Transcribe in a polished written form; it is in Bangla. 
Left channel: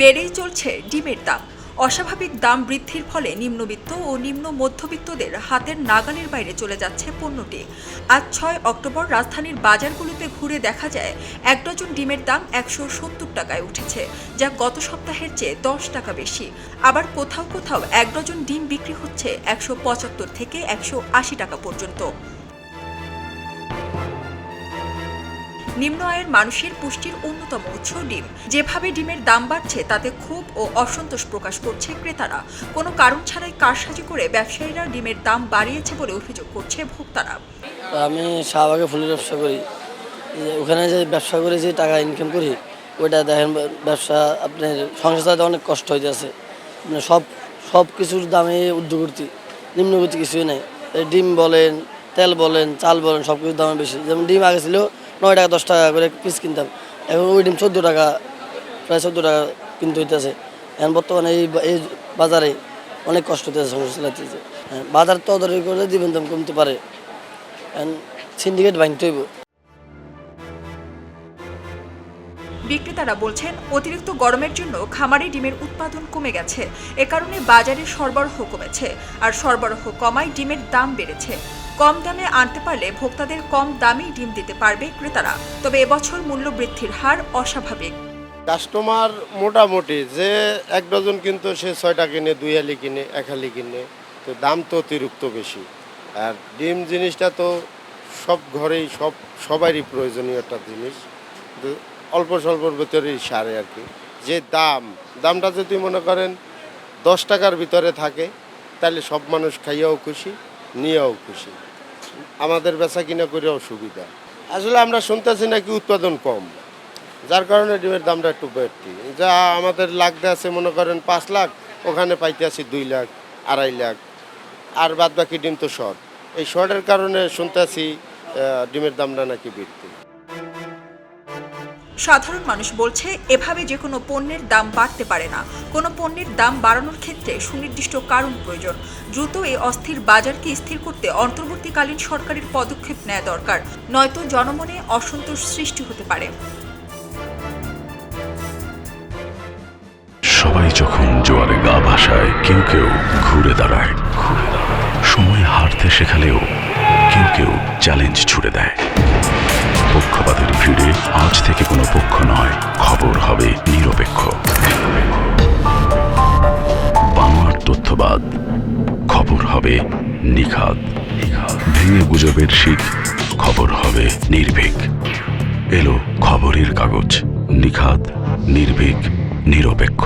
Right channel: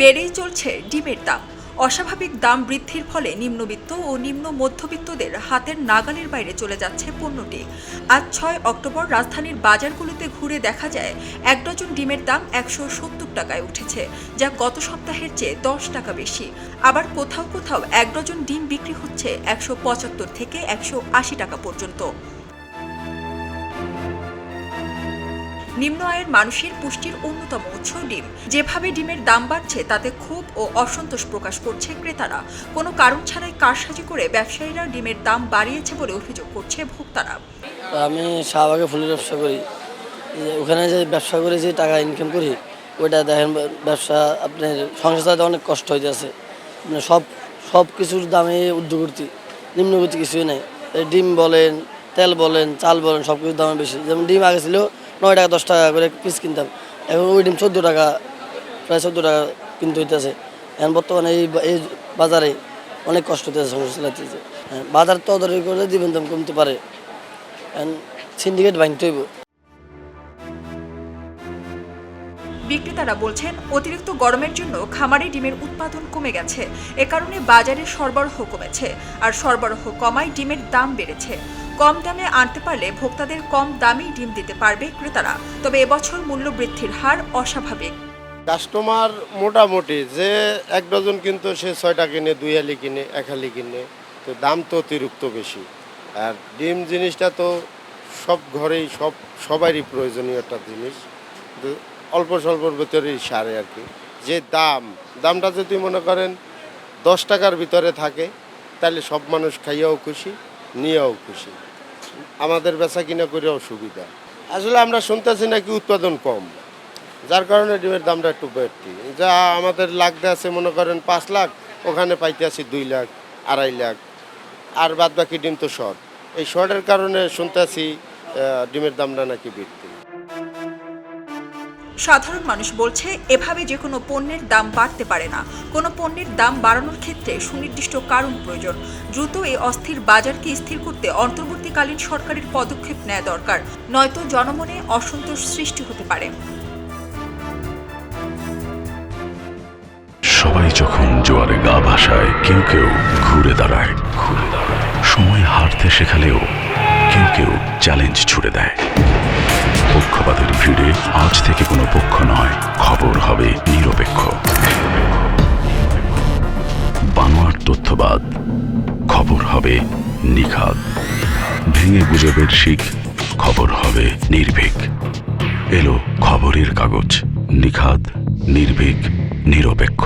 বেড়েই চলছে ডিমের দাম। অস্বাভাবিক দাম বৃদ্ধির ফলে নিম্নবিত্ত ও নিম্ন মধ্যবিত্তদের হাতের নাগালের বাইরে চলে যাচ্ছে পণ্যটি। আজ ৬ অক্টোবর রাজধানীর বাজারগুলোতে ঘুরে দেখা যায় ১ ডজন ডিমের দাম ১৭০ টাকায় উঠেছে, যা গত সপ্তাহের চেয়ে ১০ টাকা বেশি। আবার কোথাও কোথাও ১ ডজন ডিম বিক্রি হচ্ছে ১৭৫ থেকে ১৮০ টাকা পর্যন্ত। নিম্ন আয়ের মানুষের পুষ্টির অন্যতম উৎস ডিম। যেভাবে ডিমের দাম বাড়ছে তাতে ক্ষোভ ও অসন্তোষ প্রকাশ করছে ক্রেতারা। কোনো কারণ ছাড়াই কারসাজি করে ব্যবসায়ীরা ডিমের দাম বাড়িয়েছে বলে অভিযোগ করছে ভোক্তারা। আমি শাহবাগে ফুলের ব্যবসা করি। ওখানে যে ব্যবসা করে যে টাকা ইনকাম করি, ওইটা দেখেন ব্যবসা আপনার সংসার চালাতে অনেক কষ্ট হয়ে যাচ্ছে। সব কিছুর দামে ঊর্ধ্বগতি, নিম্নগতি কিছুই নেই। ডিম বলেন, তেল বলেন, চাল বলেন, সব কিছুর দাম বেশি। যেমন ডিম আগে ছিল 9 টাকা 10 টাকা করে পিস কিনতাম, এখন ওই ডিম 14 টাকা, প্রায় 14 টাকা কিনতে হইতেছে। এখন বর্তমানে এই বাজারে অনেক কষ্ট হতেছে সংসার চালাতেছে। বাজার তদারকি করে দিবেন দাম কমতে পারে, সিন্ডিকেট ভাঙতে হইব। বিক্রেতারা বলছেন, অতিরিক্ত গরমের জন্য খামারে ডিমের উৎপাদন কমে গেছে। এ কারণে বাজারে সরবরাহ কমেছে, আর সরবরাহ কমায় ডিমের দাম বেড়েছে। কম দামে আনতে পারলে ভোক্তাদের কম দামেই ডিম দিতে পারবে ক্রেতারা। তবে এবছর মূল্য বৃদ্ধির হার অস্বাভাবিক। কাস্টমার মোটামুটি যে 1 ডজন কিন্তু সে 6টা কিনে, 2 হালি কিনে, 1 হালি কিনে, তো দাম তো অতিরিক্ত বেশি। আর ডিম জিনিসটা তো সব ঘরেই সবারই প্রয়োজনীয় একটা জিনিস, অল্প স্বল্পর ভিতরেই সারে আর কি। যে দামটা যদি মনে করেন 10 টাকার ভিতরে থাকে, তাহলে সব মানুষ খাইয়াও খুশি, নিয়েও খুশি, আমাদের বেচা কিনা করেও সুবিধা। আসলে আমরা শুনতেছি নাকি উৎপাদন কম, যার কারণে ডিমের দামটা একটু বাড়তি। যা আমাদের লাগতে আছে মনে করেন 5 লাখ, ওখানে পাইতে আছি 2 লাখ, 2.5 লাখ, আর বাদ বাকি ডিম তো শর্ট। এই শর্টের কারণে শুনতেছি ডিমের দামটা নাকি বৃদ্ধি। সাধারণ মানুষ বলছে, এভাবে যে কোনো পণ্যের দাম বাড়তে পারে না। কোনো পণ্যের দাম বাড়ানোর ক্ষেত্রে সুনির্দিষ্ট কারণ প্রয়োজন। দ্রুত এই অস্থির বাজারকে স্থির করতে অন্তর্বর্তীকালীন সরকারের পদক্ষেপ নেওয়া দরকার, নয়তো জনমনে অসন্তোষ সৃষ্টি হতে পারে। সবাই যখন জোয়ারে গা ভাসায়, কেউ কেউ ঘুরে দাঁড়ায়। সময় হারতে শেখালেও কেউ কেউ চ্যালেঞ্জ ছুড়ে দেয়। পক্ষপাতের ভিড়ে আজ থেকে কোনো পক্ষ নয়, খবর হবে নিরপেক্ষ। বানোয়ার তথ্যবাদ, খবর হবে নিখাদ। ভেঙে গুজবের শিখ, খবর হবে নির্ভীক। এলো খবরের কাগজ, নিখাদ, নির্ভীক, নিরপেক্ষ।